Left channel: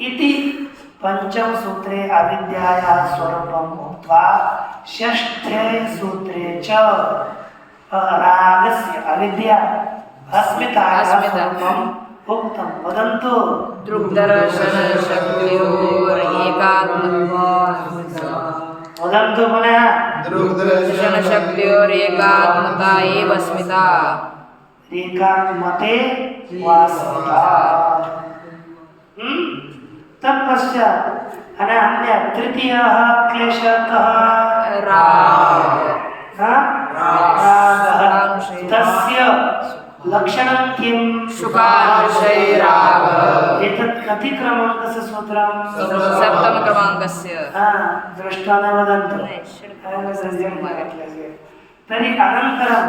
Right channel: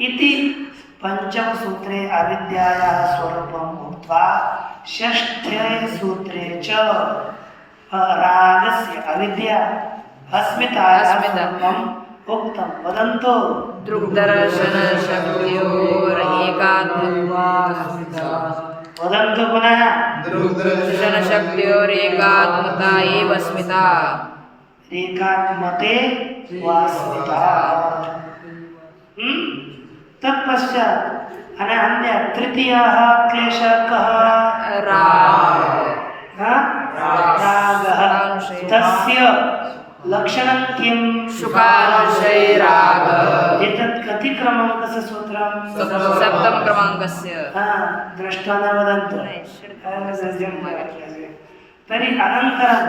इति पंचम सूत्रे अविद्यायाः स्वरूपम् उक्त्वा षष्ठे सूत्रे च रागस्य अविद्या अस्मितायाः स्वरूपम् उक्तं। वदन्तु। वदन्तु पुनः। दृग्दर्शनशक्त्योरेकात्मता एव अस्मिता। एकात्मते वास्मिता। तत्पश्चात् अन्य तृतीयः क्लेशः कः? रागः। तस्य लक्षणं किं? शुकानुशयरागः। एतत् कति क्रमाङ्कस्य सूत्रं? सप्तम क्रमाङ्कस्य। दृष्ट्वा न वदन्तु। तर्हि अनन्तरं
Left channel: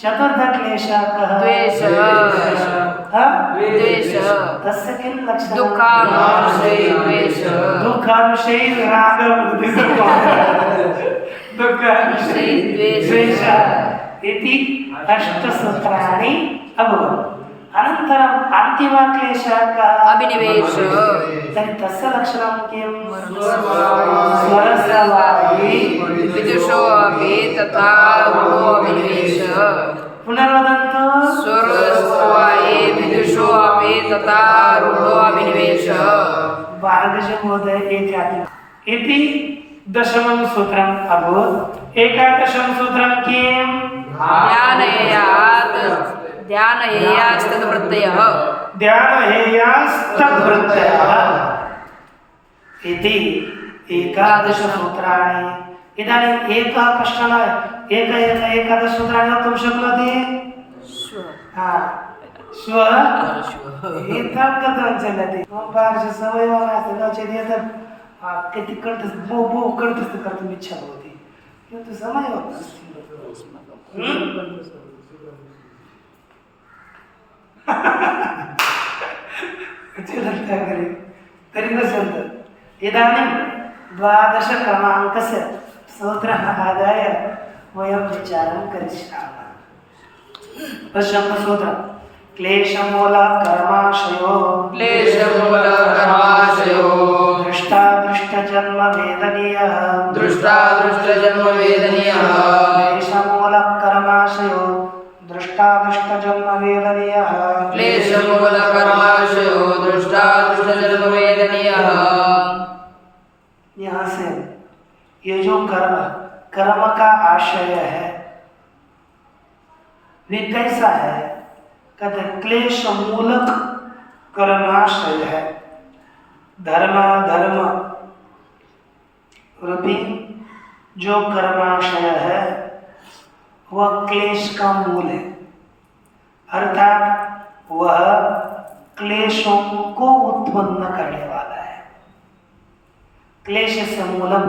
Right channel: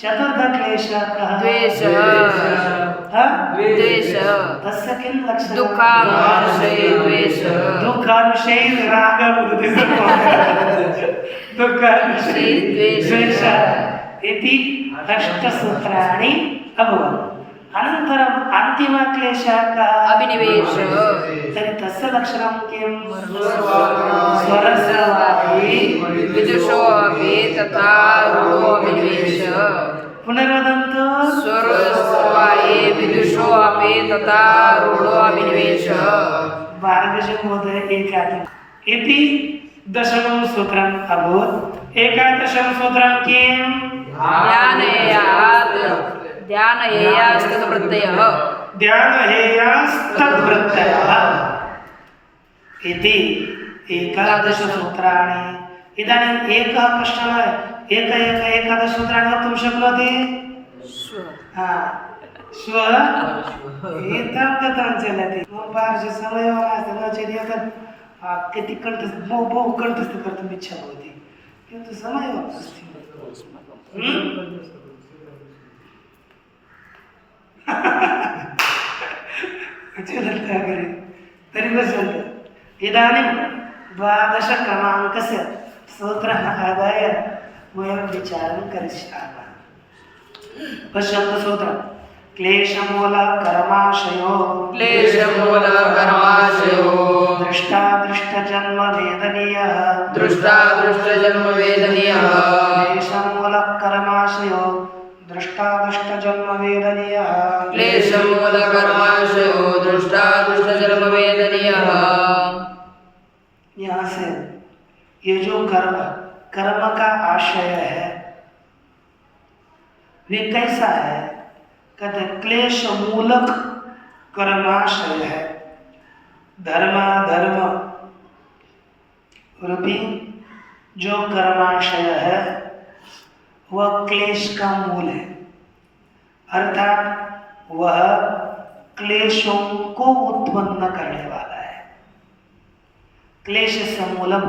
चतुर्थक्लेशः कः? द्वेषः। तस्य किं लक्षणं? दुःखानुशयद्वेषः। दुःखानुशयरागः दुःखानुशयद्वेषः इति अष्टसूत्राणि अभवन्। अनन्तरम् अन्तिमक्लेशः कः? अभिनिवेशः। तर्हि तस्य लक्षणं किं? स्वरस्वायी विदुषो अपि तथा रूढो अभिनिवेशः। पुनर्वदन्तु। स्वरस्वायी विदुषो अपि तथा रूढो अभिनिवेशः। भार्गवमहोदय इति दशमं सूत्रम् अभूत्। एकादशं सूत्रं किं? ध्यानहेयास्तत्प्रत्ययः। ध्यानहेयास्तत्प्रत्ययः इति एकादशसूत्राणि। इदानीम् एकः कश्चन एकादशसूत्राणि वक्तुं शक्नोति? श्वः एतं कथं चलति? मम पार्श्वे समयो नास्ति, नो चेत् एतत् कति कण्ठस्थं कर्तुम् इच्छा भवति, किन्तु समयो नास्ति। तर्हि पश्यन्तु, इदानीं 12 क्रमाङ्कस्य सूत्रम् आदाय वयं विचारं करिष्यामः। पश्यन्तु सूत्रं। क्लेशमूलकर्माशयो दृष्टादृष्टजन्मवेदनीयः क्लेशमूलकर्माशयो दृष्टादृष्टजन्मवेदनीयः यहाँ से ये जो कर्म का आशय है वे कैसा है? कहते क्लेश मूलक कर्माशय है। धर्म रूपी जो कर्माशय है वह क्लेश का मूल है, अर्थात वह क्लेशों को उत्पन्न करने वाला है। क्लेश समूलम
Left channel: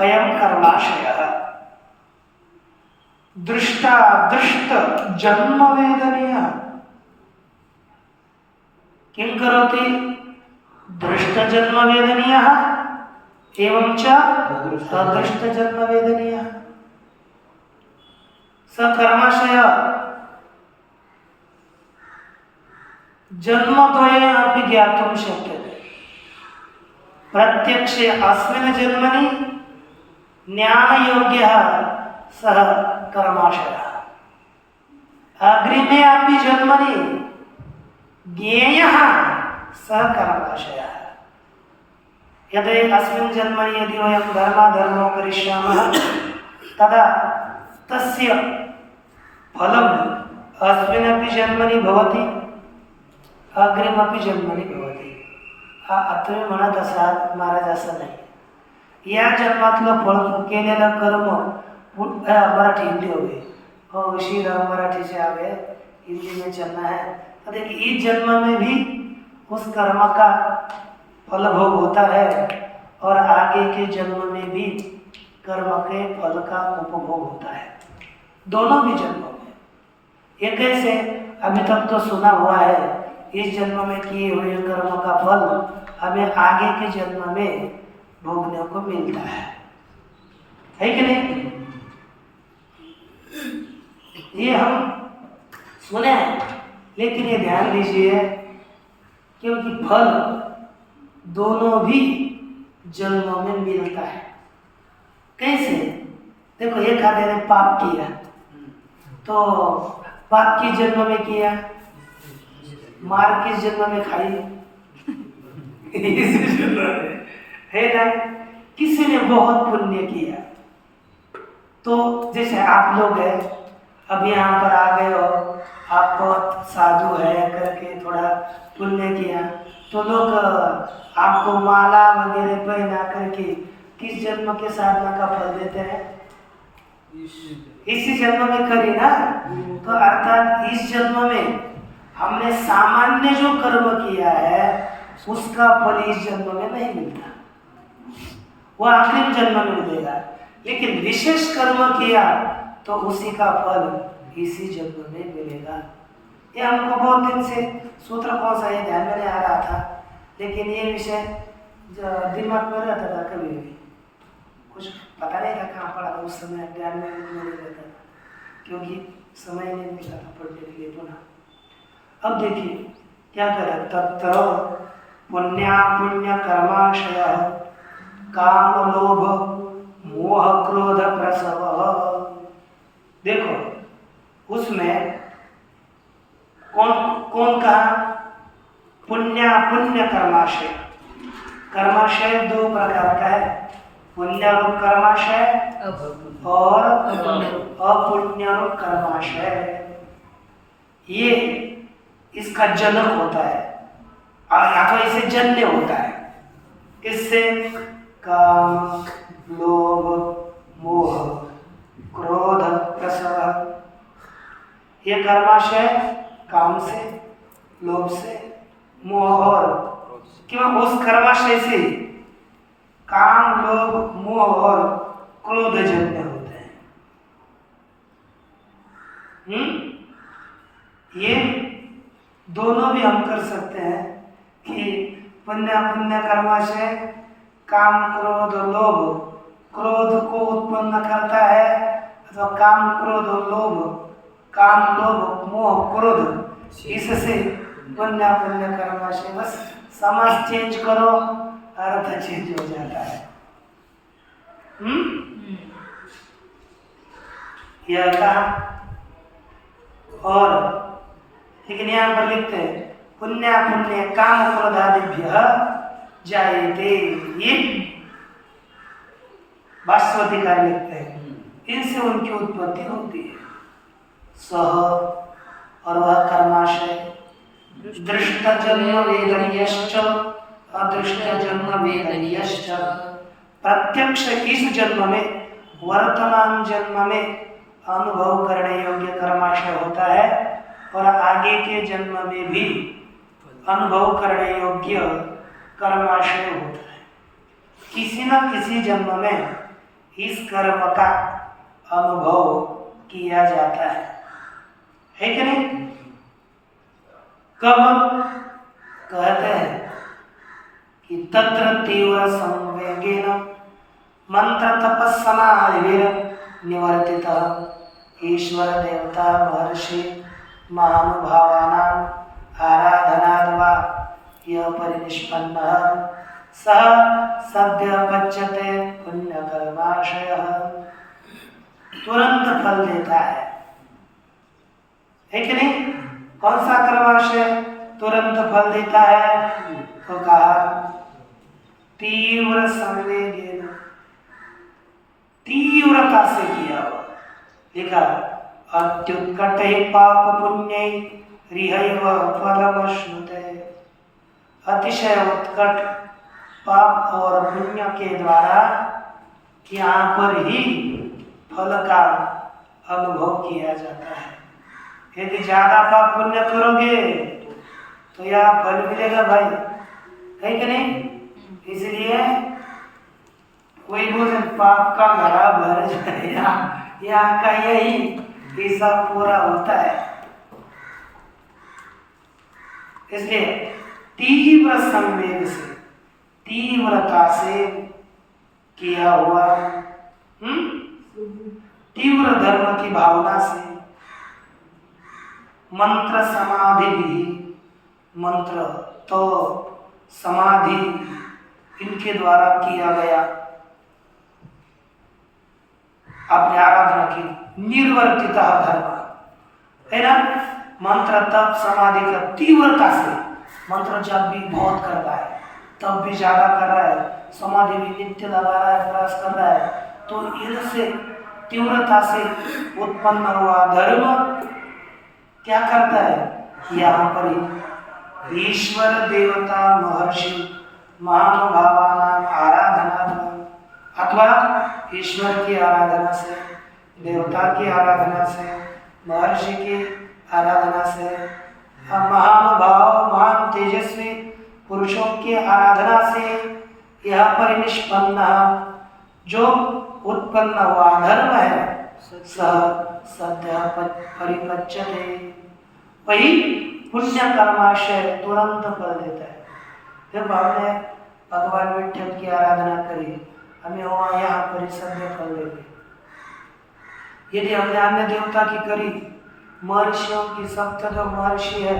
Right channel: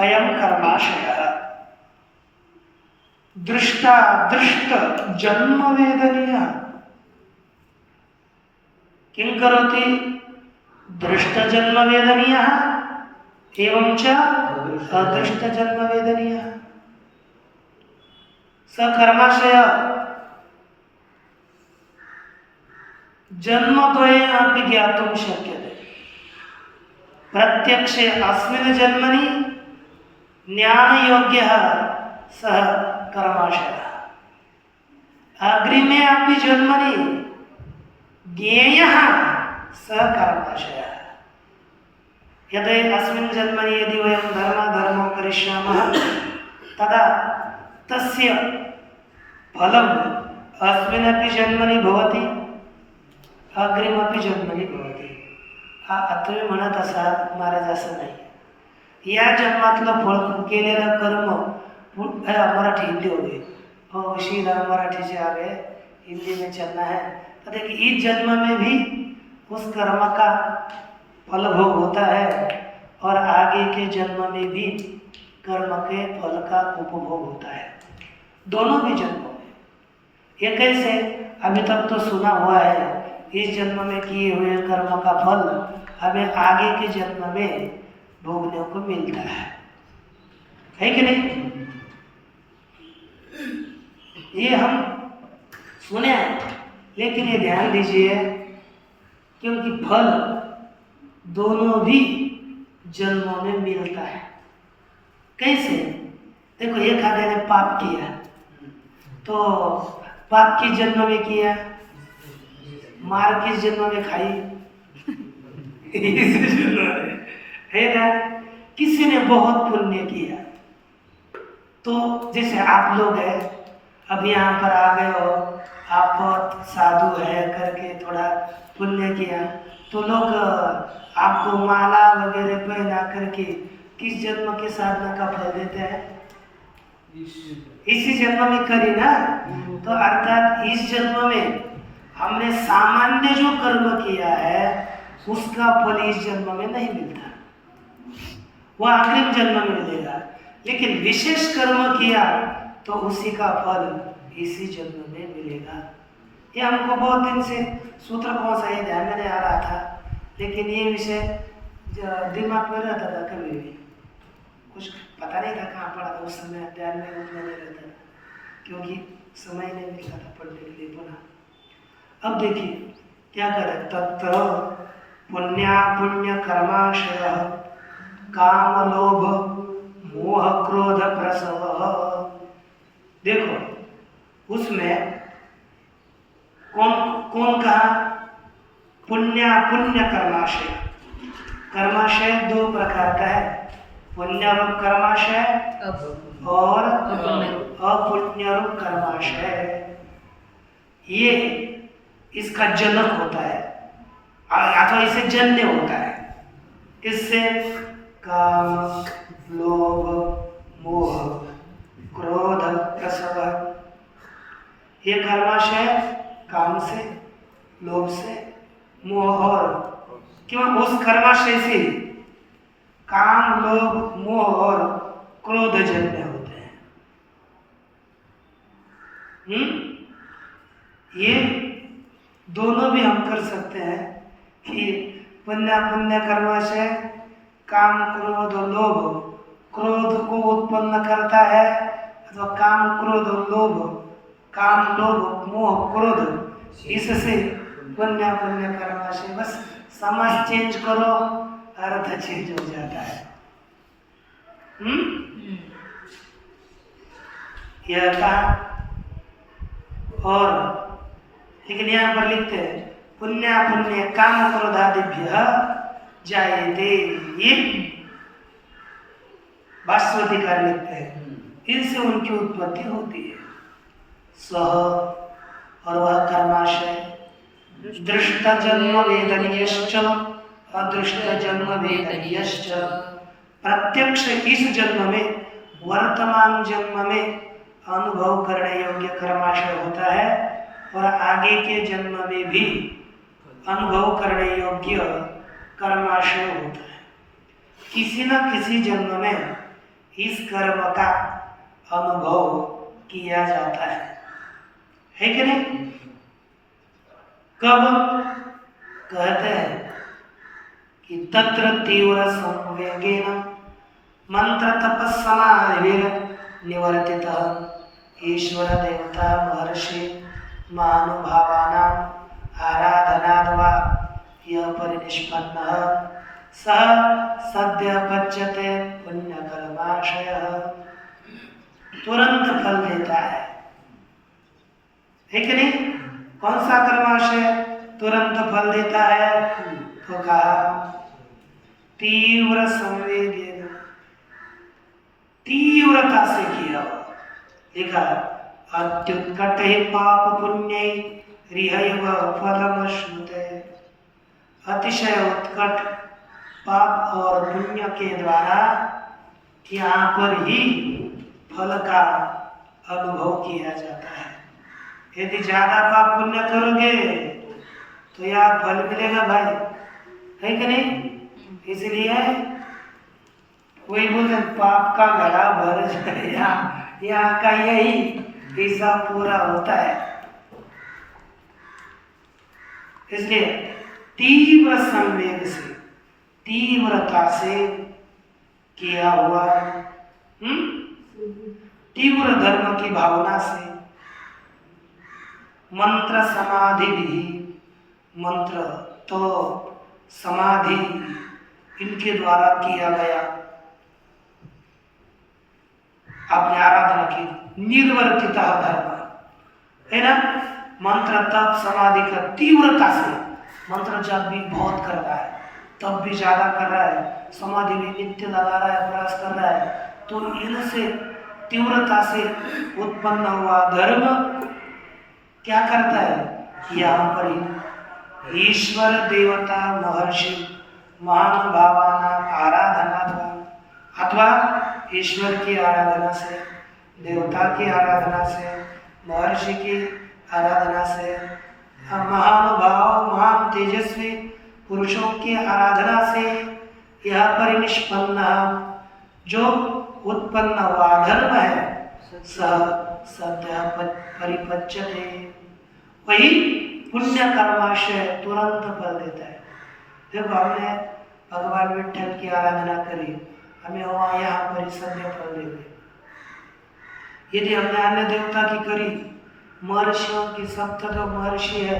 अयम कर्माशयः दृष्ट जन्म वेदनीयः। किं करोति? दृष्ट जन्म वेदनीयः एवं च अदृष्ट जन्म वेदनीयः। स कर्माशय जन्मद्वये अपि ज्ञातुं शक्यते। प्रत्यक्षे अस्मिन् जन्मनि ज्ञानयोग्यः सः कर्माशयः, अग्रिमे अपि जन्मनि ज्ञेयः सः कर्माशयः। यदि अस्मिन् जन्मनि यदि वयं धर्मो करिष्यामः तदा तस्य फलम् अस्मिन्नपि जन्मनि भवति, अग्रिमपि जन्मनि भवति। तुम्ही म्हणत असाल महाराज असं नाही, या जन्मातलं फळ केलेलं कर्म मराठी हिंदी हो गई, श्रीराम मराठी से आ गए, हिंदी में चलना है। तो देखिए इस जन्म में भी उस कर्म का फल भोग होता है और आगे के जन्म में भी कर्म के फल का उपभोग होता है, दोनों भी जन्मों में। ये कैसे? अभी तक तो सुना हुआ है इस जन्म में किए हुए कर्म का फल हमें आगे के जन्म में भोगने को मिलता है कि नहीं? ये हम सुने हैं, लेकिन ये ध्यान दीजिए क्योंकि फल दोनों भी जन्मों में मिलता है। कैसे? देखो, एक आदमी ने पाप किया तो पाप किस जन्म में किया? मार किस जन्म में खाई? इस जन्म में, है ना? किसी ने बहुत पुण्य किया, तो जैसे आप लोग हैं, अब यहाँ पर आ गए हो, आप बहुत साधु है करके थोड़ा पुण्य किया, तो लोग आपको माला वगैरह पहना करके किस जन्म के साधना का फल देते हैं? इसी जन्म में करी ना। तो अर्थात इस जन्म में हमने सामान्य जो कर्म किया है उसका फल इस जन्म में नहीं मिलता, वो अग्रिम जन्म में मिलेगा। लेकिन विशेष कर्म किया तो उसी का फल इसी जन्म में मिलेगा। ये हमको बहुत दिन से सूत्र कौन सा ये ध्यान में नहीं आ रहा था, लेकिन ये विषय दिमाग में रहता था, कभी भी कुछ पता नहीं था कहाँ पढ़ा था उस समय, ध्यान में नहीं रहता था क्योंकि समय नहीं मिलता था पढ़ने के लिए पुनः। अब देखिए क्या करे, तत्र पुण्या पुण्य कर्माशय काम लोभ मोह क्रोध प्रसव। देखो उसमें कौन कौन कहा? पुण्य पुण्य कर्माशय। कर्माशय दो प्रकार का है, पुण्य रूप कर्माशय और अपुण्य रूप कर्माशय। ये इसका जनक होता है, अथवा इसे जन्य होता है। इससे काम लोभ मोह क्रोध प्रसव, ये कर्माशय काम से, लोभ से, मोह और क्यों उस कर्माशय से काम लोभ मोह और क्रोध जन्य होते हैं। ये दोनों भी हम कर सकते हैं कि पुण्य पुण्य कर्माशय काम क्रोध लोभ, क्रोध को उत्पन्न करता है अथवा काम क्रोध लोभ, काम लोभ मोह क्रोध, इससे पुण्य पुण्य कर्माशय। बस समाज चेंज करो, अर्थ चेंज हो जाता है। यह कहा। और लेकिन यहाँ पर लिखते हैं पुण्य पुण्य काम क्रोधादिभ्य जायते, ये भाष्यकार लिखते हैं, इनसे उनकी उत्पत्ति होती है। सह और वह कर्माशय दृष्ट जन्म वेदनीयश्च अदृष्ट जन्म वेदनीयश्च, प्रत्यक्ष इस जन्म में वर्तमान जन्म में अनुभव करने योग्य कर्माशय होता है और आगे के जन्म में भी अनुभव करने योग्य कर्माशय होता है। किसी न किसी जन्म में इस कर्म का अनुभव किया जाता है कि नहीं? कब? कहते हैं कि तत्र तीव्र संवेगेन मंत्र तपस्समाधिभिर निवर्तितः ईश्वर देवता महर्षि महानुभावानां आराधनाद्वा यः परिनिष्पन्नः सः सद्य पच्यते पुण्यकर्माशयः, तुरंत फल देता है कि नहीं? कौन सा कर्माशय तुरंत फल देता है? तो कहा तीव्र संवेगेन, तीव्रता से किया हुआ। लिखा अत्युत्कट पाप पुण्य रिहैव फलमश्नुते, अतिशय उत्कट पाप और पुण्य के द्वारा यहाँ पर ही फल का अनुभव किया जाता है। यदि ज्यादा पाप पुण्य करोगे तो यहाँ फल मिलेगा भाई, है कि नहीं? इसलिए वही बोले पाप का घड़ा भर जाए, यहाँ का यही हिसाब पूरा होता है। इसलिए तीव्र संवेग से, तीव्रता से किया हुआ, तीव्र धर्म की भावना से, मंत्र समाधि भी, मंत्र तो समाधि इनके द्वारा किया गया अपने आराधना की निर्वर्तिता धर्म है ना। मंत्र तप समाधि का तीव्रता से, मंत्र जब भी बहुत कर रहा है तब भी ज्यादा कर रहा है, समाधि भी नित्य लगा रहा है, प्रयास कर रहा है, तो इनसे तीव्रता से उत्पन्न हुआ धर्म क्या करता है, यहाँ पर ईश्वर देवता महर्षि महानुभावानां आराधना अथवा ईश्वर की आराधना से, देवता की आराधना से, महर्षि की आराधना से, महानुभाव महान तेजस्वी पुरुषों की आराधना से यह पर निष्पन्न जो उत्पन्न हुआ धर्म है सह सद्य परिपच्यते, वही पुण्य कर्माशय तुरंत फल देता है। जब हमने भगवान विठ्ठल की आराधना करी, हमें वहाँ यहाँ पर सद्य फल देंगे। यदि हमने अन्य देवता की करी, महर्षियों की, सप्त जो महर्षि है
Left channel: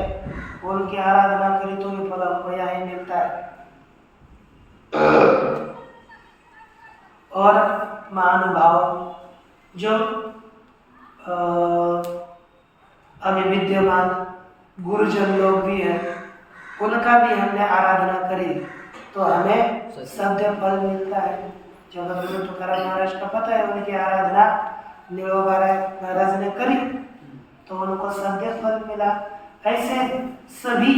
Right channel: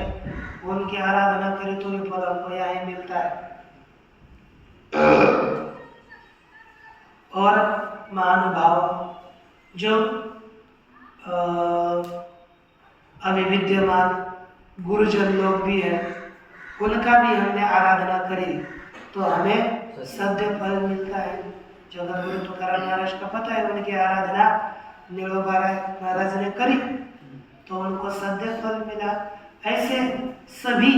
उनकी आराधना करी, तो ये फल हमको यहाँ ही मिलता है। और महानुभाव जो अभी विद्यमान गुरुजन लोग भी हैं, उनका भी हमने आराधना करी तो हमें सद्य फल मिलता है। जगत गुरु तुकाराम महाराज का पता है, उनकी आराधना नीलोबा महाराज ने करी तो उनको सद्य फल मिला। ऐसे सभी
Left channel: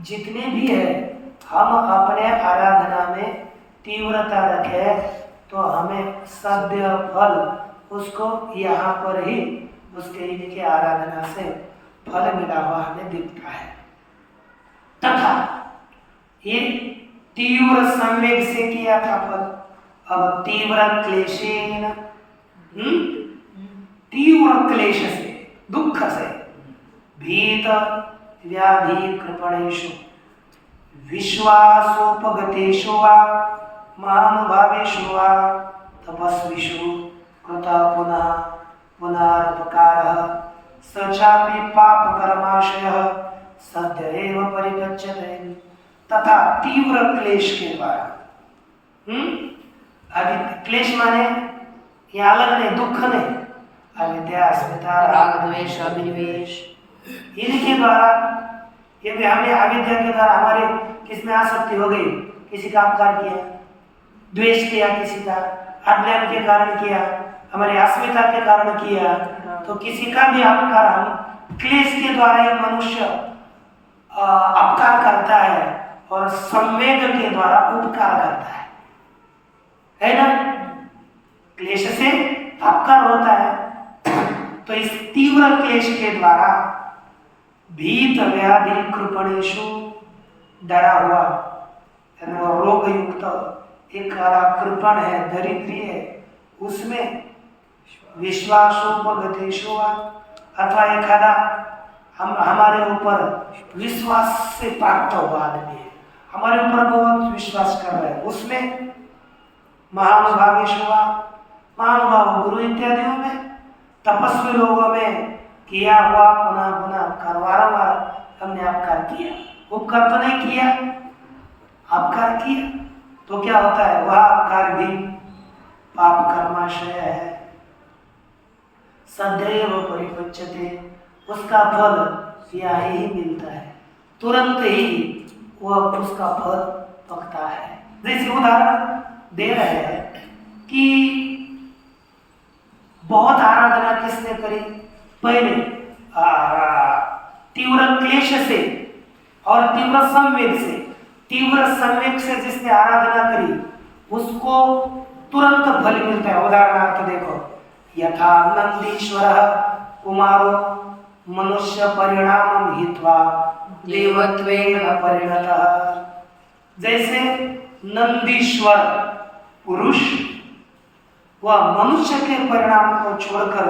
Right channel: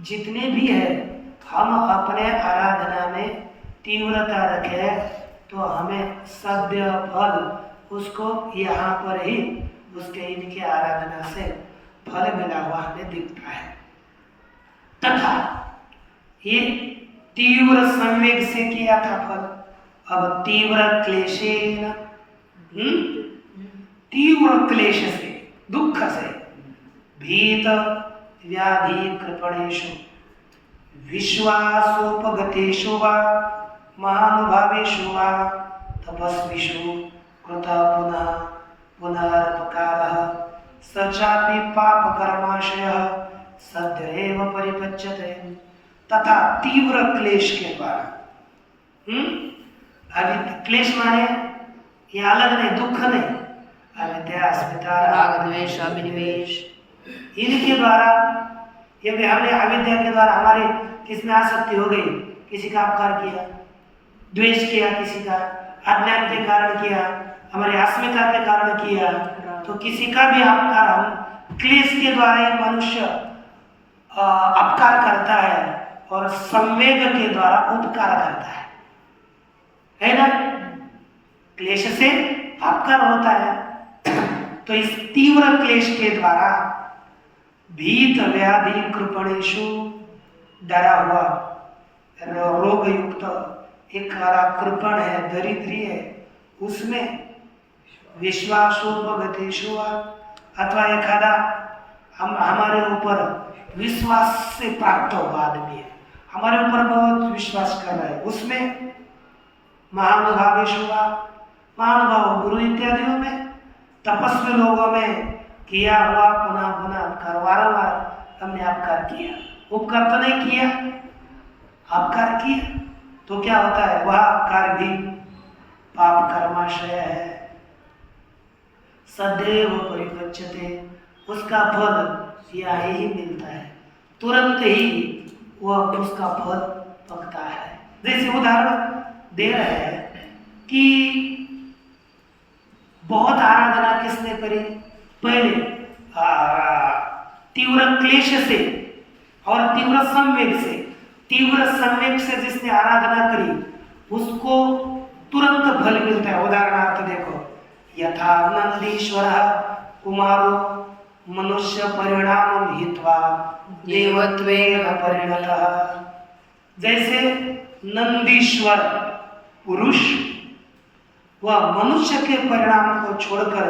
जितने भी है, हम अपने आराधना में तीव्रता रखें तो हमें सद्य फल उसको यहाँ पर ही उसके इनके आराधना से फल मिला हुआ हमें दिखता है। तथा ये तीव्र संवेग से किया था फल, अब तीव्र क्लेशेन, तीव्र क्लेश से, दुख से, भीत व्याधि कृपणेषु विश्वासोपगतेषु वा महानुभावेषु वा तपस्विषु कृता पुनः पुनरुपकारः सचापि पाप कर्माशयः सद्य एव परिपच्यते। तथा तीव्र क्लेश के द्वारा, अभी क्लेश माने ये अलग नहीं, दुख नहीं, अविद्या अस्मिता राग द्वेष अभिनिवेश, इनके द्वारा यदि हमने अविद्या के द्वारा हमारे किसमें आसक्ति हो गई, किसी का अपकार किया, द्वेष किया, किसी का अज्ञान के कारण किया, हमारी अस्मिता के कारण किया, तो किसी का भी अपकार हम क्लेश के द्वारा ही मनुष्य अपकार करता है और संवेग के द्वारा उपकार करता है ना। क्लेश से अपकार होता है, तो इस तीव्र क्लेश के द्वारा भीत व्याधि कृपणेषु, डरा हुआ रोग युक्त एक कृपण है, दरिद्री है, उसमें विश्वासोपगतेषु अथवा एखादा हमारे ऊपर विश्वास से प्राप्त हुआ आदमी है, हमारे ऊपर बहुत विश्वास कर रहा है, उसमें महानुभावेषु, महानुभाव गुरु इत्यादियों में, तपस्वी लोगों में किया हुआ पुनः पुनः अपकार, वारंवार हमने अपकार किया, उपकार तो नहीं किया, अपकार किया, तो क्या होता है, वह अपकार भी पाप कर्माशय है, सदैव परिपच्यते, उसका फल यह ही मिलता है, तुरंत ही वह उसका फल पकता है। जैसे उदाहरण दे रहे हैं कि बहुत आराधना किसने करी, पहले तीव्र क्लेश से और तीव्र संवेग से जिसने आराधना करी उसको तुरंत फल मिलता है। उदाहरणार्थ देखो, यथा नंदीश्वर कुमारो मनुष्य परिणाम हित्वा देवत्वेन परिणतः, जैसे नंदीश्वर पुरुष वह मनुष्य के परिणाम को छोड़कर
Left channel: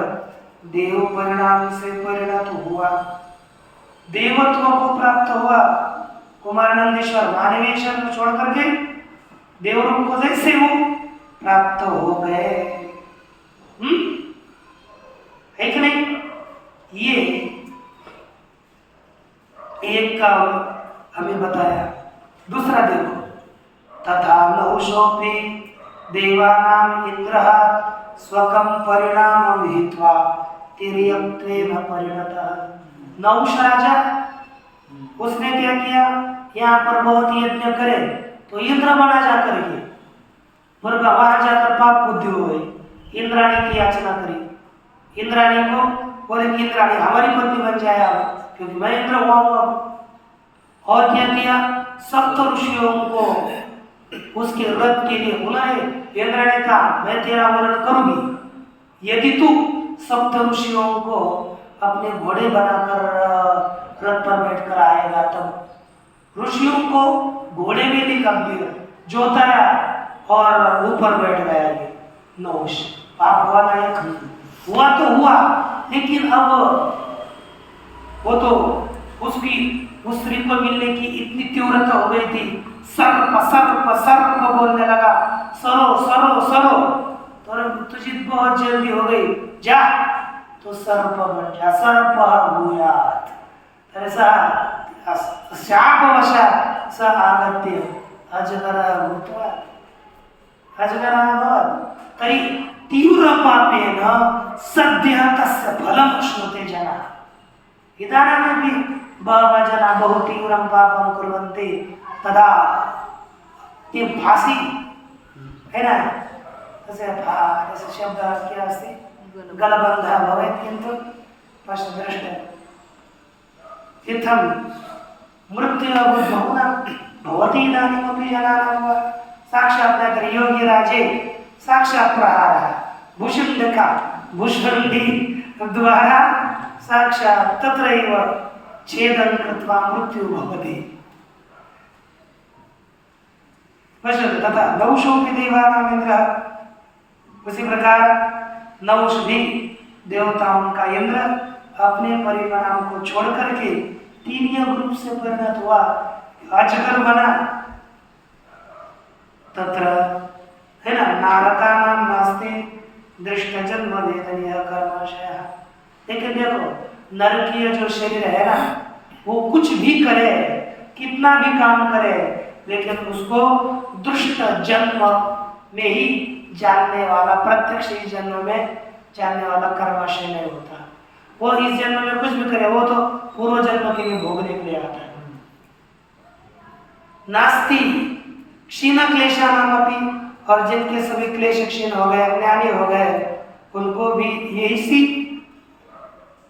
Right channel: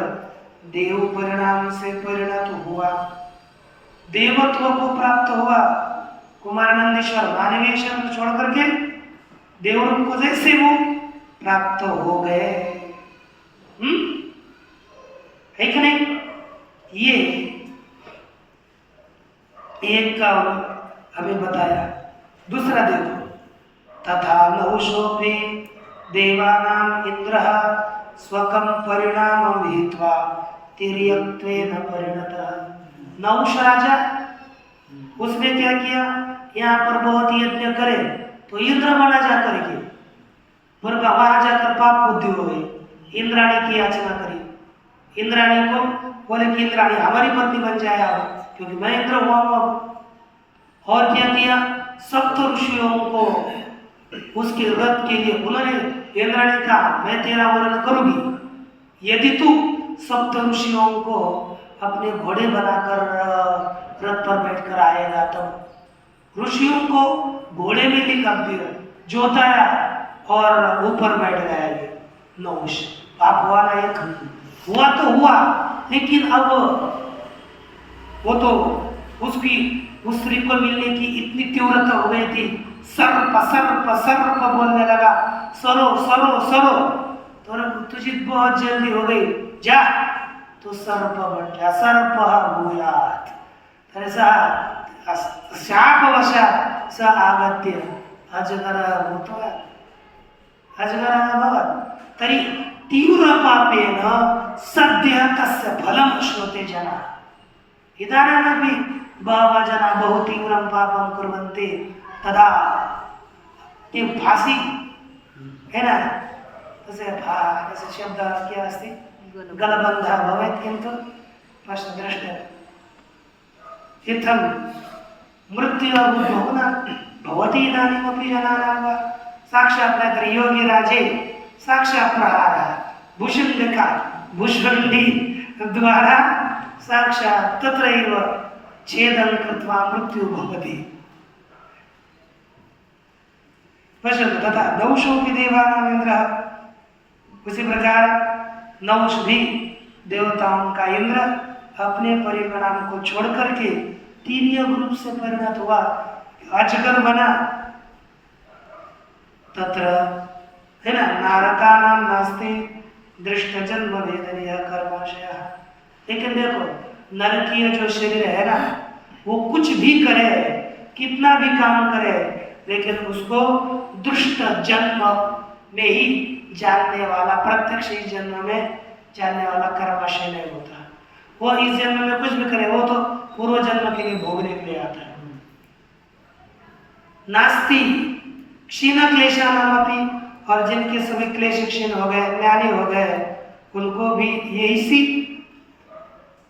देव परिणाम से परिणत हुआ, देवत्व को प्राप्त हुआ। कुमार नंदीश्वर मानवीय शरीर छोड़ करके देवरूप को जैसे वो प्राप्त हो गए, है कि नहीं। ये एक हमें बताया। दूसरा देखो, तथा नहुषोऽपि देवानां इंद्रः स्वकं परिणामं हित्वा तिर्यक्त्वेन परिणतः। नहुष राजा, उसने क्या किया, यहाँ पर बहुत यज्ञ करे तो इंद्र बना जा करके, पर वहां जाकर पाप बुद्धि हो गई, इंद्राणी की याचना करी। इंद्राणी को बोले कि इंद्राणी हमारी पत्नी बन जाए आप, क्योंकि मैं इंद्र हुआ हूं अब। और क्या किया, सप्त ऋषियों को उसके व्रत के लिए उन्होंने, इंद्राणी कहा मैं तेरा वर्ण करूंगी यदि तू सप्त ऋषियों को अपने घोड़े बनाकर रथ पर बैठकर आएगा। तब ऋषियों को घोड़े में निकाल दिया, जोताया और ऊपर बैठ गया ये नहुष। पाप हुआ ना, एक हुआ तो हुआ, लेकिन अब वो तो उसकी उस स्त्री को मिलने की इतनी तीव्रता हो गई थी, सर्प सर्प सर्प बोलने लगा, सरो सरो सरो, तो तुझे बहुत जल्दी हो गई, जा तो सर्प बन जा, सर्प भूयात्। ऐसा शापवशात् स आगत्य अजगरः भूत्वा अजगरः अभवत्। तर्हि तीव्रपापेन सद्यः तस्य फलं श्नुते जनाः। इदानीमपि बहवः जनाः बहु तीव्रं पापं कुर्वन्ति, तदा ते फांसी है ना, जैसे शब्द क्या अस्ति, गलबन्धः भवेत्, किन्तु पश्यद्रष्टव्यम्। इत्थं मृत्युर्भुवो न भवति इदानीमपि जनानां वा। साक्षात् योगी राजे साक्षात् प्रहारः, भुषुण्डका भुषुण्डी द्वारा साक्षात् तत्रैव छेदं कृत्वा मृत्यु भवति। पश्यतु, तथा नहुषोऽपि देवानां इंद्रः, उसी प्रकार नहुष भी देवताओं का इंद्र अपने परिणाम को छोड़ करके तीन रूप से परिणत हुआ, अजगर बना। तत्र है ना, नारकानां नास्ति दृष्ट जन्म वेदनीय कर्माशयः। लेकिन देखो, नरकीय जो शरीर है ना, वो कुछ भी करे, कितना भी काम करे, लेकिन उसको दुष्ट जन्म में ही जानने वाला, प्रत्यक्ष इस जन्म में जानने वाला कर्माशय नहीं होता। वो इस जन्म में कुछ भी करे, वो तो पूर्व जन्म के लिए भोगने के लिए आता है। नास्ति क्षीण क्लेशानामपि, और जिनके सभी क्लेश क्षीण हो गए, ज्ञानी हो गए, उनको भी यही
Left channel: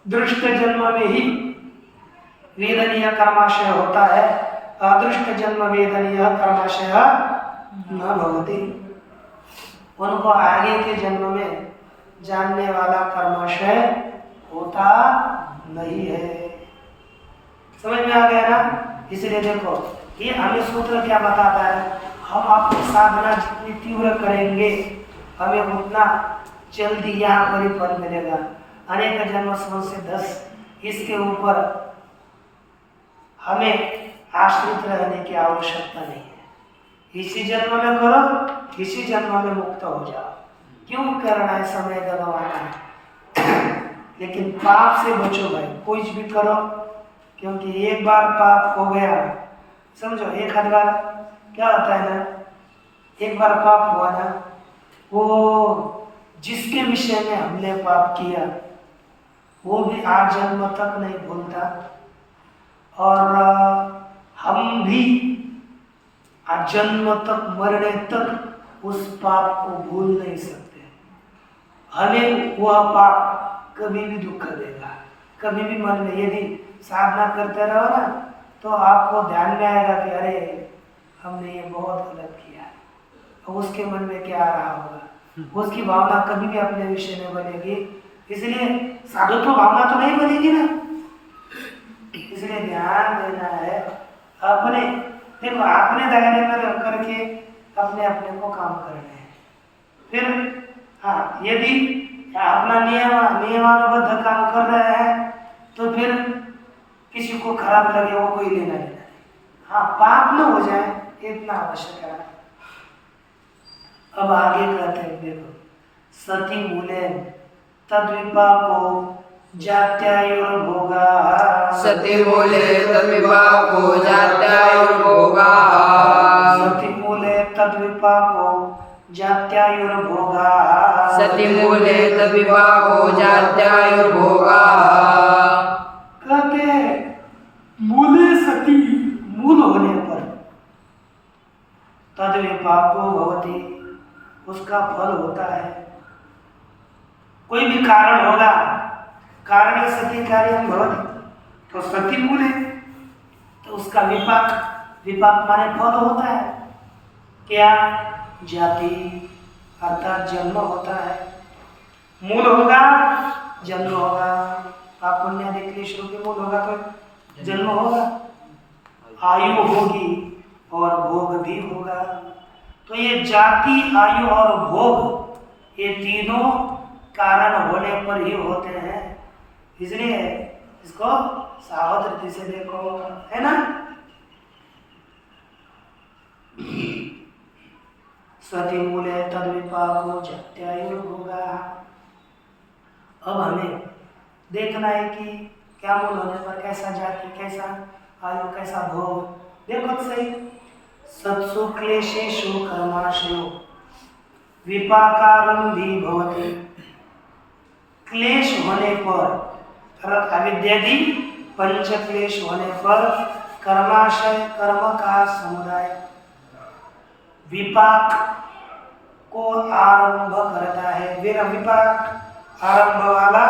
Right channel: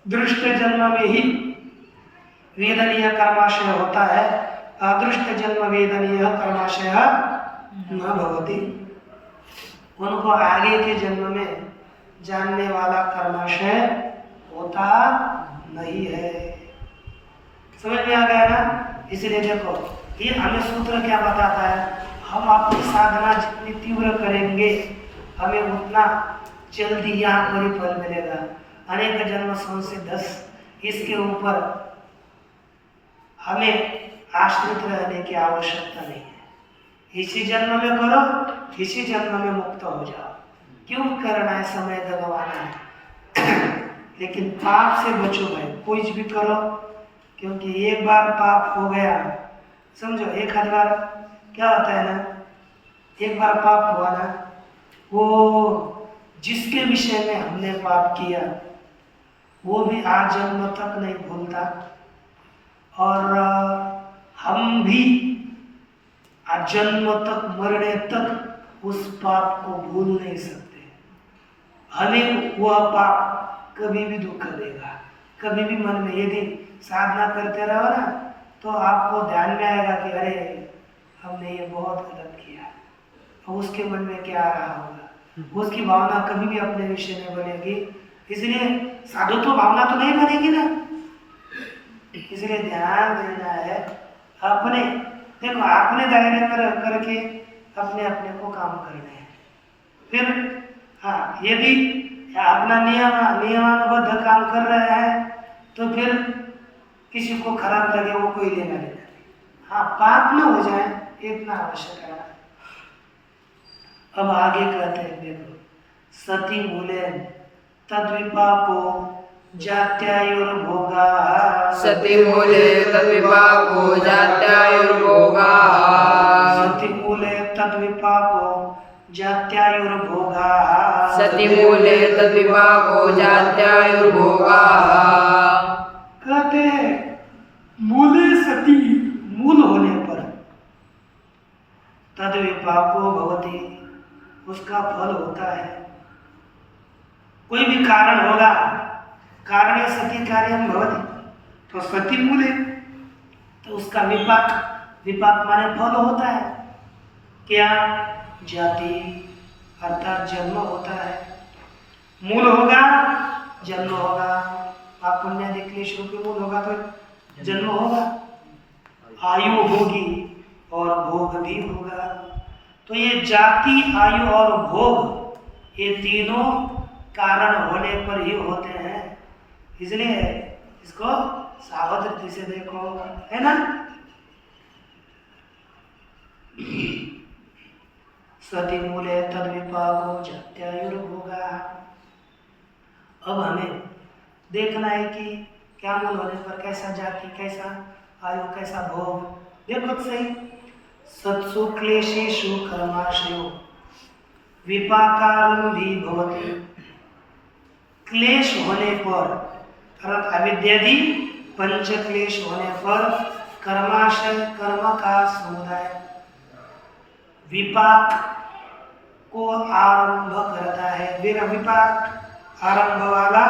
दृष्ट जन्म में ही वेदनीय कर्माशय होता है। अदृष्ट जन्म वेदनीय कर्माशय न भवति। उनको आगे के जन्म में जानने वाला कर्माशय होता नहीं है। समझ में आ गया ना? इसलिए देखो, ये हमें सूत्र क्या बताता है, हम अपनी साधना जितनी तीव्र करेंगे, हमें उतना जल्दी यहाँ पर ही फल मिलेगा। अनेक जन्म से 10 इसके ऊपर हमें आश्रित रहने की आवश्यकता नहीं है। इसी जन्म में करो, इसी जन्म में मुक्त हो जाओ। क्यों करना है, समय गवाना है। लेकिन पाप से बचो भाई, कुछ भी करो, क्योंकि एक बार पाप हो गया, समझो, एक आध बार क्या होता है ना, एक बार पाप हुआ ना, वो जिसके विषय में हमने पाप किया वो भी आज जन्म तक नहीं भूलता, और हम भी आज जन्म तक, मरने तक उस पाप को भूल नहीं सकते। हमें वह पाप कभी भी दुख देगा, कभी भी मन में, यदि साधना करते रहो ना, तो आपको ध्यान में आएगा कि अरे हमने ये बहुत गलत किया। और उसके मन में क्या आ रहा होगा, उसकी भावना कभी भी अपने विषय में बनेगी। इसलिए साधुत्व भावना तो नहीं बनेगी ना। इसलिए ध्यान देना है अपने, देखो, अपने दायरे में रह करके अपने अपने को काम करने हैं। फिर हाँ, यदि अपना नियमानुबद्ध काम कर रहे हैं तो फिर किसी को खराब लगे वो कोई लेना देना नहीं। हाँ, पाप न हो जाए इतना आवश्यक है। अब आगे कहते हैं, देखो, सती मूले तद्विपाको जात्यायुर्भोगाः सतिमूले तद्विपाको जात्यायुर्भोगाः सतिमूले तद्विपाको जात्यायुर्भोगाः सतिमूले तद्विपाको जात्यायुर्भोगाः। कहते हैं मूले सती, मूल होने पर तद्विपाको भवति, उसका फल होता है। कोई भी कारण होगा, कारणे सती कार्यम भवति, तो सती मूले, तो उसका विपाक, विपाक माने फल होता है। क्या? जाति अर्थात जन्म होता है। मूल होगा, जन्म होगा। पाप पुण्य आदि क्लेश रूपी मूल होगा तो जन्म होगा, आयु होगी और भोग भी होगा। तो ये जाति, आयु और भोग, ये तीनों कारण होने पर ही होते हैं। इसलिए इसको सावध रीति से देखो, है ना। सति मूले तद्विपाको जात्यायुर्भोगा। अब हमें देखना है कि क्या मूल होने पर कैसा जाति, कैसा आयु, कैसा भोग। देखो तो सही, सत्सु क्लेशेषु कर्माशयो विपाकारंभी भवति। क्लेश होने पर अर्थात अविद्यादि पंच क्लेश होने पर कर्माशय, कर्म का समुदाय विपाक को आरंभ करता है। विपाक आरंभ वाला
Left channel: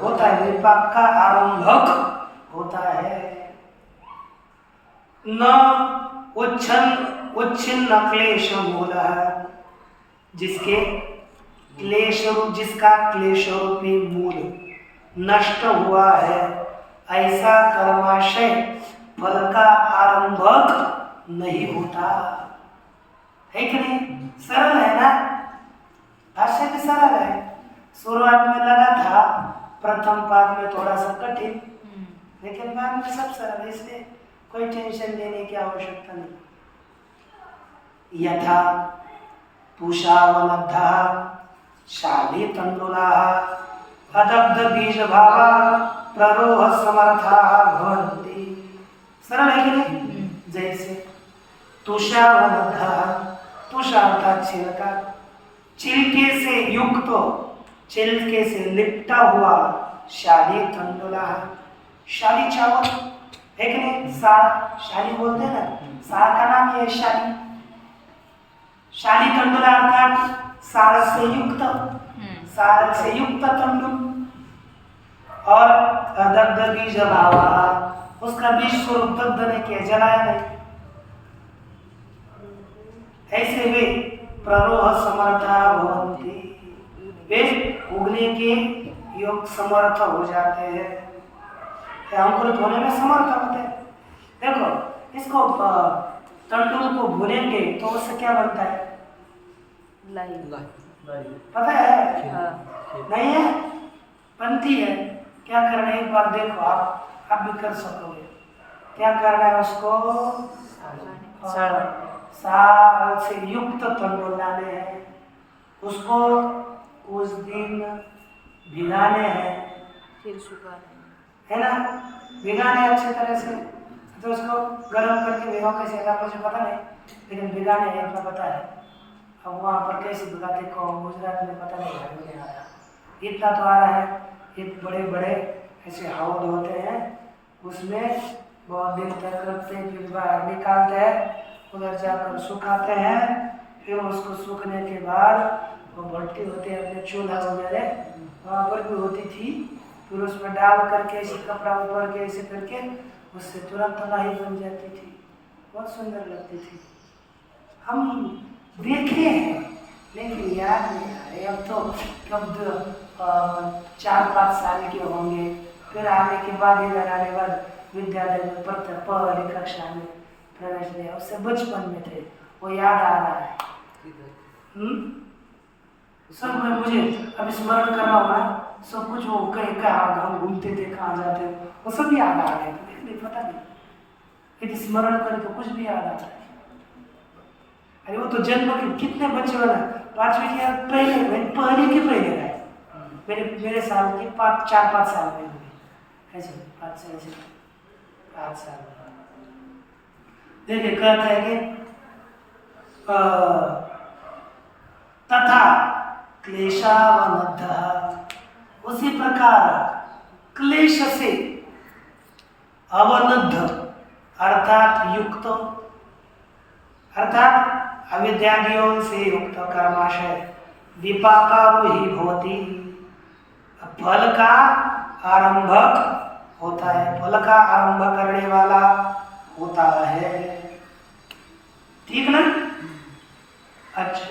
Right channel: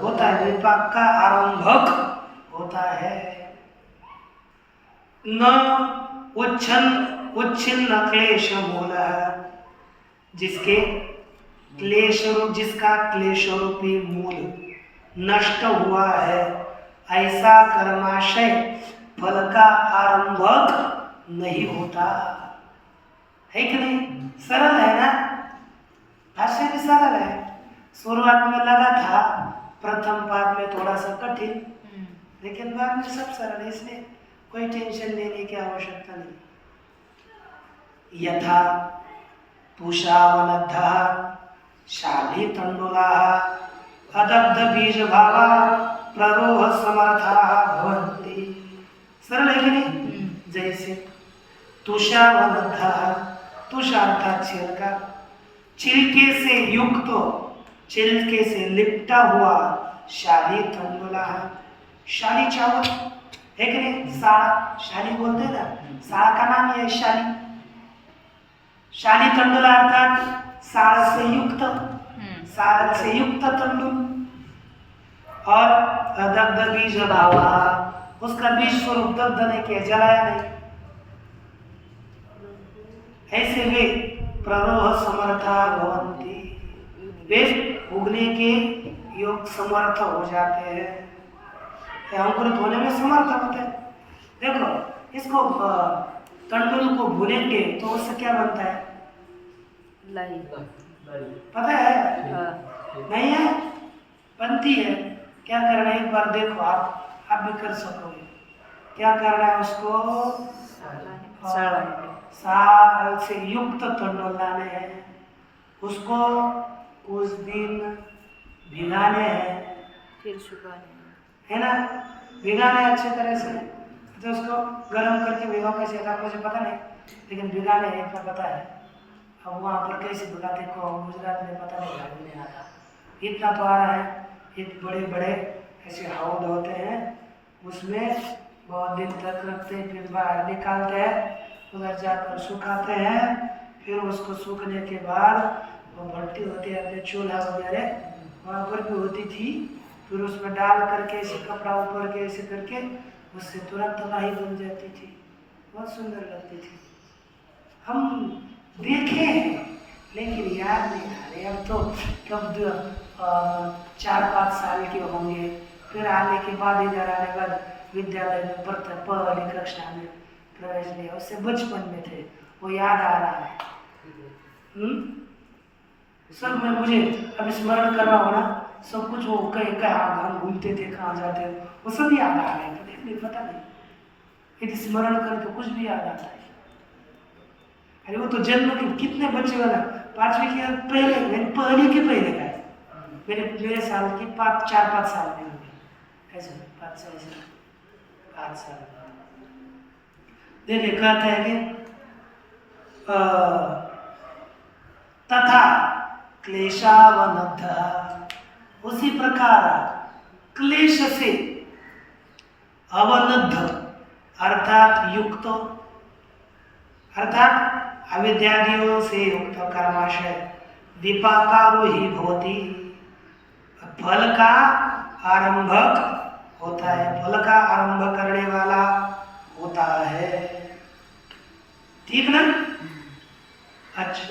होता है, विपाक का आरंभक होता है। न उच्छिन्न क्लेश मूल, जिसका क्लेश रूपी मूल नष्ट हुआ है, ऐसा कर्माशय फल का आरंभक नहीं होता है। कि नहीं? सरल है ना, भाष्य भी सरल है। शुरुआत में लगा था, प्रथम पाद में थोड़ा सा कठिन, लेकिन बाद में सब सरल है, इसलिए कोई टेंशन लेने की आवश्यकता नहीं। यथा पूषावनद्धः शाली तंडुलाः अदग्ध बीज भावा प्ररोह समर्थाः भवन्ति। सरल है कि नहीं? जैसे तुषावनद्धः, तुषा अर्थात छिलका, छिलके से युक्त, छिलके से लिपटा हुआ, शाली तंडुलाः, शाली चावल है कि नहीं? साड़ा, शाली बोलते हैं ना, साड़ा का नाम है शाली। शाली तंडुला अर्थात साड़ से युक्त, साड़ से युक्त तंडुल। और दग्ध बीज भावा, उसका बीज स्वरूप दग्ध नहीं किया, जलाया नहीं। ऐसे वे प्ररोह समर्था भवन्ति, वे उगने के योग समर्थ हो जाते हैं, अंकुरित होने में समर्थ होते हैं। देखो, इसको तंडुल को भूनेंगे तो उससे क्या बनता है? पता है? नहीं है? बनती है। क्या करना है, एक बार देखो, आप भी कर सकोगे। क्या करना है, उसको साल से युक्त तंडुल लाने हैं, उसको कुछ दिन भिगाने हैं, फिर सुखाने है ना। भिगाने अच्छे तरह से, तो उसको गर्म करके भिगो कैसे, मुझे पता नहीं, लेकिन भिगाने हैं इतना पता है। अब वहाँ पर कैसे भिगाते को गुजरात में पता नहीं, भाई नहीं आ रहा, इतना तो आ रहा है। एक बड़े बड़े ऐसे हौद होते हैं, उसमें बहुत दिन तक रखते हैं, फिर बाहर निकालते हैं, उधर जाकर सुखाते हैं। फिर उसको सूखने के बाद वो भट्टी होती है, अपने चूल्हा वगैरह वहाँ पर भी होती थी, फिर उसमें डाल करके ऐसे कपड़ा ऊपर के ऐसे करके उससे तुरंत तलाही बन जाती थी, बहुत सुंदर लगती थी। हम देखे हैं लेकिन याद नहीं आ रहे। अब तो कब 4-5 साल के होंगे, फिर आने के बाद इधर आने बाद विद्यालय में पहली कक्षा में प्रवेश लिया, उससे बचपन में थे, वो याद आ रहा है। सब में मुझे अब स्मरण कर रहा हूँ ना, सब कुछ वो कहाँ हम घूमते थे, कहाँ जाते थे, वो सब याद आ रहे हैं। नहीं पता नहीं, यदि स्मरण करें तो कुछ भी याद आता है। अरे वो तो जन्म के कितने बच्चे वाला 5वीं के पहले के पहले गए, मेरे साल की 4-5 साल में होगी, ऐसे 5 साल। देखिए कहता है कि तथा क्लेशावनद्ध, उसी प्रकार क्लेश से अवनद्ध अर्थात युक्त, अर्थात अविद्यादियों से युक्त कर्माशय विपाकारोही भवति, फल का आरंभक होता है, फल का आरंभ करने वाला होता है। ठीक ना? अच्छा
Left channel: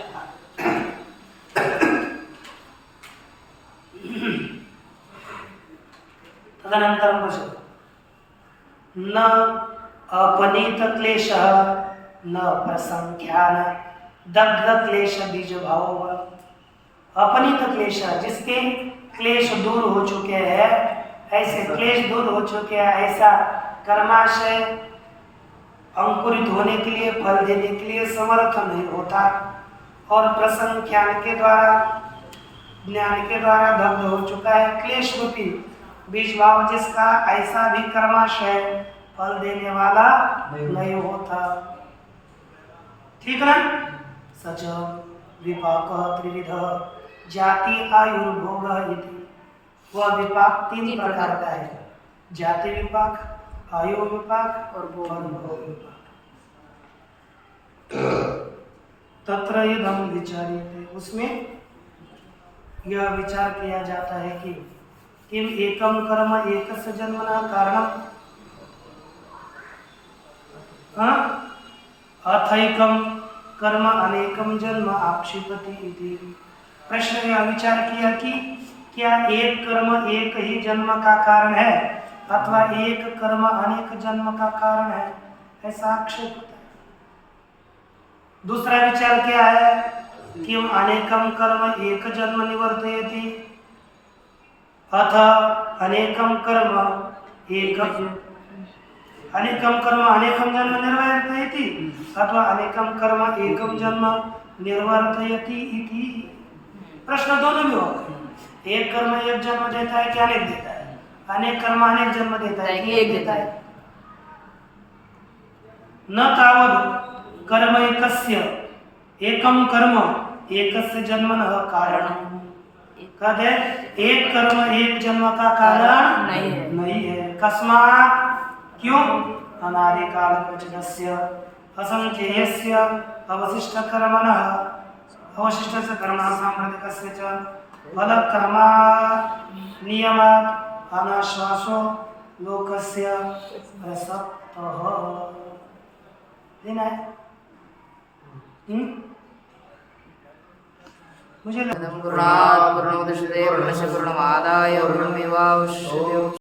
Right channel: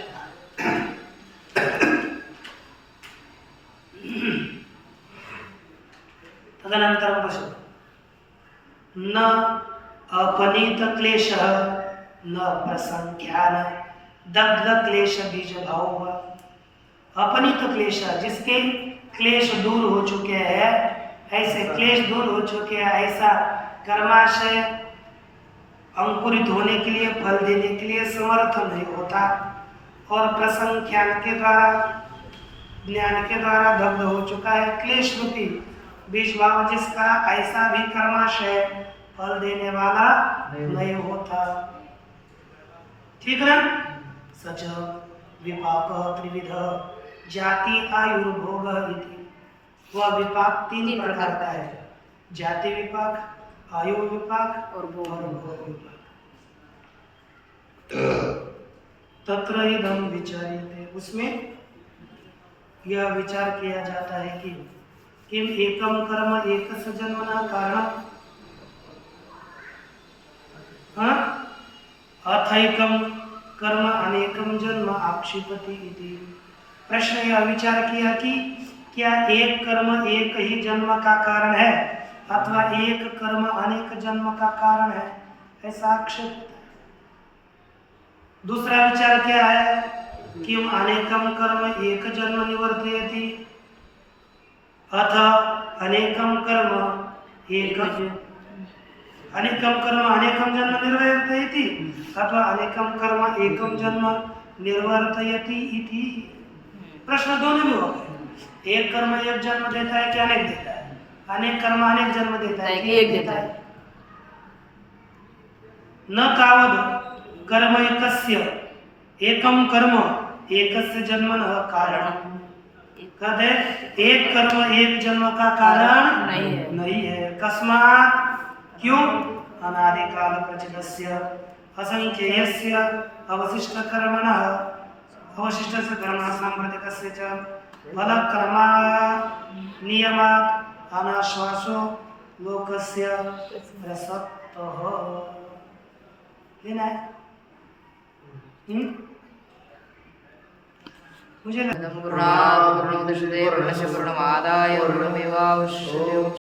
तदनंतरं पश्यतु, न अपनीत क्लेश न प्रसंख्यान दग्ध क्लेश बीज भाव। अपनीत क्लेश, जिसके क्लेश दूर हो चुके हैं, ऐसे क्लेश दूर हो चुके हैं, ऐसा कर्माशय अंकुरित होने के लिए, फल देने के लिए समर्थ नहीं होता, और प्रसंख्यान के द्वारा, ज्ञान के द्वारा दग्ध हो चुका है क्लेश रूपी बीज भाव, जिसका ऐसा भी कर्माशय फल देने वाला नहीं होता। ठीक ना? सच विपाक त्रिविध जाति आयुर्भोग इति, वह विपाक 3 प्रकार का है, जाति विपाक, आयु विपाक और भोग विपाक। तत्र इदं विचार्यते, उसमें यह विचार किया जाता है कि किम एकम कर्म एकस्य जन्मना कारणम, अथैकम कर्म अनेकम जन्म आक्षिपति इति। प्रश्न यह विचार किया कि क्या एक कर्म एक ही जन्म का कारण है अथवा एक कर्म अनेक जन्म का कारण है, ऐसा आक्षेप होता है। दूसरा विचार क्या है, किम अनेकम कर्म एक जन्म निवर्तयति अथ अनेकम कर्म अनेकम जन्म निर्वर्तयति अथवा अनेकम कर्म एकम जन्म निर्वर्तयति इति। प्रश्न दोनों में होगा, एक कर्म एक जन्म देता है कि अनेक देता है, अनेक कर्म अनेक जन्म देता है कि एक देता है। न तावद कर्म एकस्य एकम कर्म एकस्य जन्मन कारणम, कहते एक कर्म एक जन्म का कारण नहीं है। कस्मात्, क्यों? अनादिकाल प्रचलस्य असंख्येयस्य अवशिष्ट कर्मणः, अवशिष्टस्य कर्मणः सांप्रतिकस्य च फलक्रमा नियमात् अनाश्वासो लोकस्य प्रसक्तः। लेना है? मुझे पूर्णात् पूर्णमुदच्यते पूर्णस्य पूर्णमादाय पूर्णमेवावशिष्यते।